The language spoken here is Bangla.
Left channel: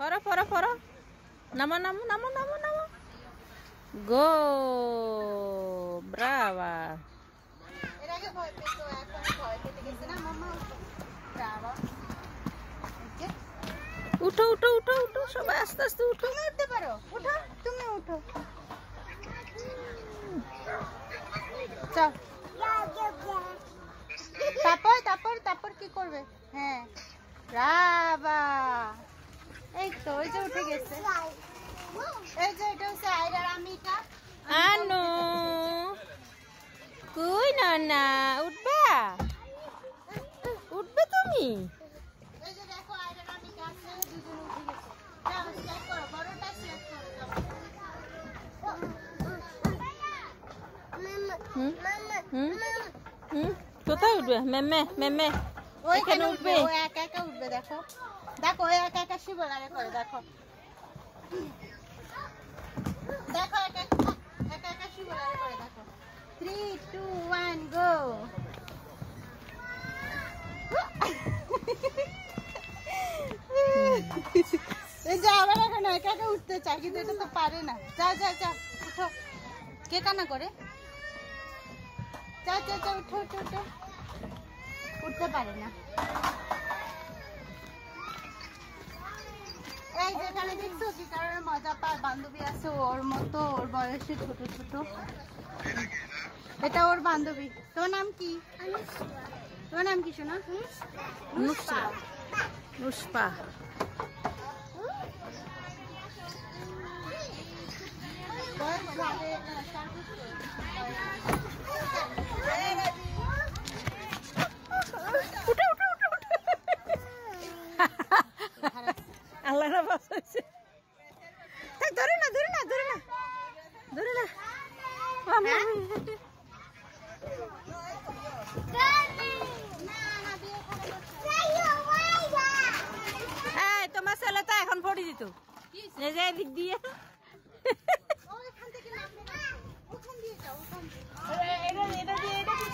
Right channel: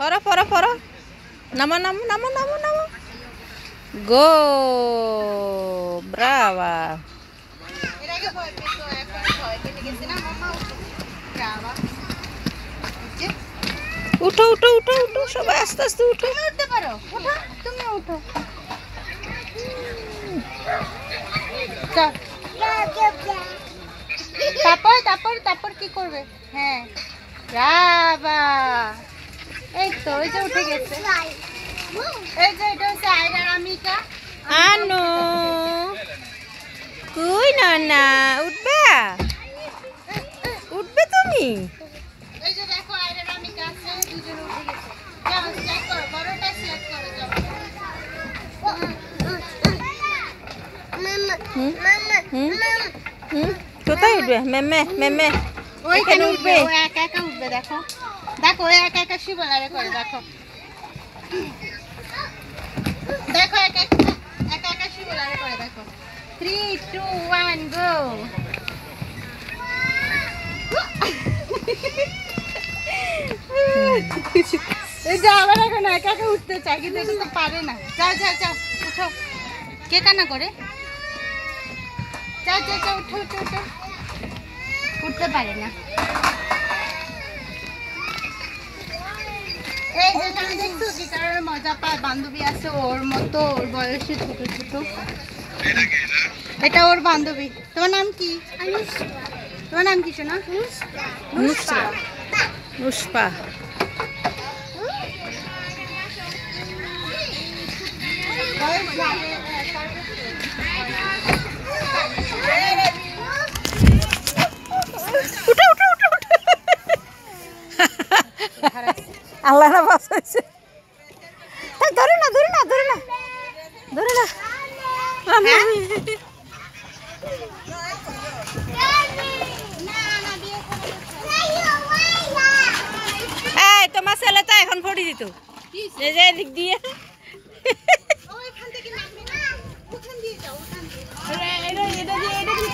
পরো পরো পরো নামো নামো নামো নামো নামো গো ব্রাভা উঠো উঠো উঠো উঠো সবাই আস্তে আস্তে উঠো উঠতে পারো উঠো তুমি উঠো তারপর তারপর তারপর কি করবে হ্যাঁ ব্রাভা এই তো ওই যে উঠে গেছে এই যে এটা হচ্ছে আয়রার আমিকা আনো কই না না উঠবে উঠবে তুমি এই যে দেখো আয়রার আমিকা আছে দুজন উঠে গেছে যাও চেক করো বড়টা চেক করো যাও কোথায় উঠবে মেমে মেমে ওইখানে উঠবে ও একা একা উঠবে দেখো দেখো ও একা একা শিবলারে করে দেখো দেখো একা একা একা শিবলারে করে দেখো 3 2 1 গো এই যে আবার এখন একা একা উঠতে চাই কিন্তু এটা তো পারে না যাও যাও যাও উঠো কে কান্না করে যাও যাও যাও উঠো উঠো উঠো উঠতে পারে না এই যে তুমি দেখছো গিটারের মজা পায় বান্ধবী আছে ওর মতো ওর বয়সে ছোট ছোট এটা ওর বান্ধবী তোমার নাম কি তোমার নাম কি শোনা নুসরা নুসপা আল্লাহ না বাঁচাইছে ধরে না ধরে না ধরে না ধরে না এই তোমার ছেলে তো এখন পড়ি দিত এই যে দিক দিয়ে ওইখান থেকে নামবে না ওখান দিয়ে যাও ওখান দিয়ে